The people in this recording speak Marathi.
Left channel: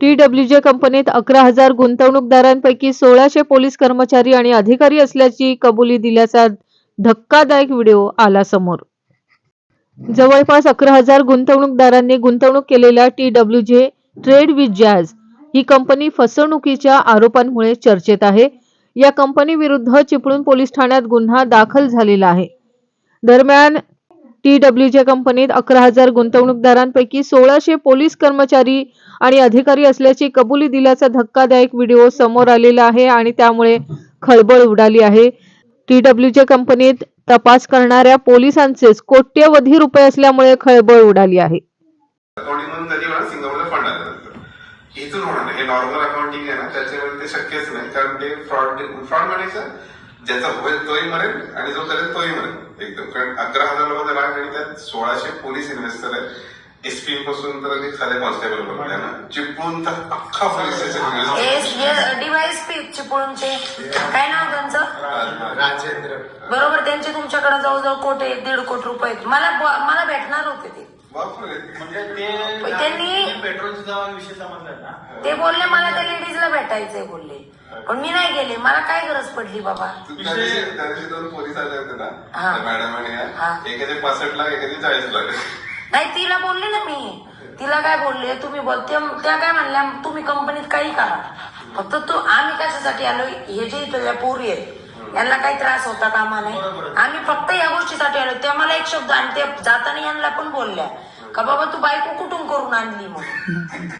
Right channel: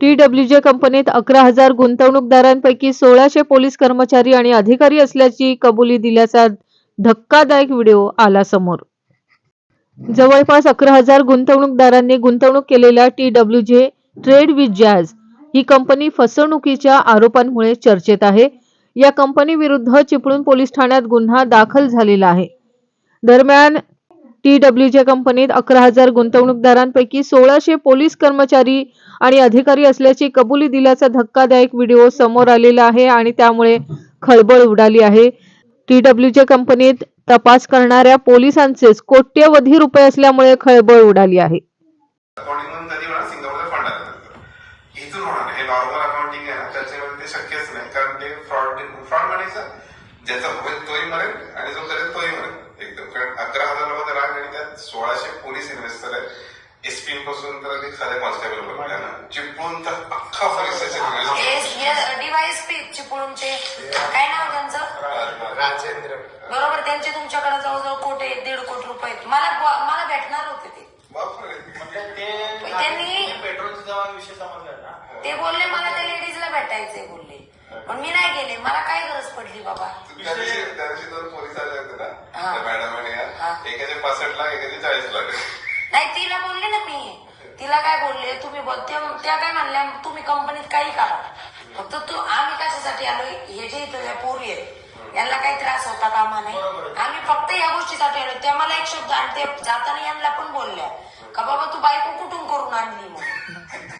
टी कंपनीत अकरा हजार गुंतवणूकदारांपैकी सोळाशे पोलीस कर्मचारी आणि अधिकारी असल्याची कबुली दिल्याचा धक्कादायक व्हिडिओ आला समोर. जवळपास अकरा हजार गुंतवणूकदारांनी गुंतवणूक केलेल्या T W J trade with jazz ही कंपनी फसवणुकीच्या आरोपांमुळे चर्चेत आहे. या कंपनी विरुद्ध चिपळूण पोलीस ठाण्यात गुन्हा दाखल झालेला आहे. दरम्यान टीडब्ल्यूच्या कंपनीत अकरा हजार गुंतवणूकदारांपैकी सोळाशे पोलीस कर्मचारी आणि अधिकारी असल्याची कबुली दिल्याचा धक्कादायक व्हिडिओ समोर आलेला आहे आणि त्यामुळे खळबळ उडाली आहे. टीडब्ल्यूच्या कंपनीत तपास करणाऱ्या पोलिसांचेच कोट्यवधी रुपये असल्यामुळे खळबळ उडाली आहे. इथून होणार हे नॉर्मल अकाउंटिंग आहे ना त्याच्यावर ते शक्यच नाही कारण ते फ्रॉड फ्रॉड म्हणायचं ज्याचा होईल तोही म्हणेल आणि जो करेल तोही म्हणेल एकदम कारण अकरा हजार लोकांचा त्यात सोळाशे पोलीस इन्व्हेस्टर आहेत. एसपी पासून तर अगदी खाली कॉन्स्टेबल पर्यंत चिपळूण तर अख्खा police station D Y S P चिपळूणचे. काय नाव त्यांचं? बरोबर त्यांचे तुमच्याकडे जवळजवळ कोटी आहेत, दीड कोटी रुपये. मला मला भेटणार होते ते. त्यांनी ते बोलले मला त्या लेडीजला भेटायचंय बोलले. पण मी नाही गेले. मला काय गरज पडली बाबा? पोलीस आले होते ना एकाने पासष्ट लाख एकाने चाळीस लाख. नाही तिला बोलले ना मी. तिला काय बोलले? तुम्ही बोल त्या- काय म्हणल्या तुम्ही कंपनीत काही करा. फक्त तू आम्ही कशासाठी आलो? हे जे इथं या पोरी आहेत यांना काही त्रास होता कामा नाही आम्ही फक्त या गोष्टीसाठी आलो. त्या मला एक शब्द आणि त्या जाताना यांना पण बोलल्या. का बाबा तू बायको कुठून करून आणली म्हणून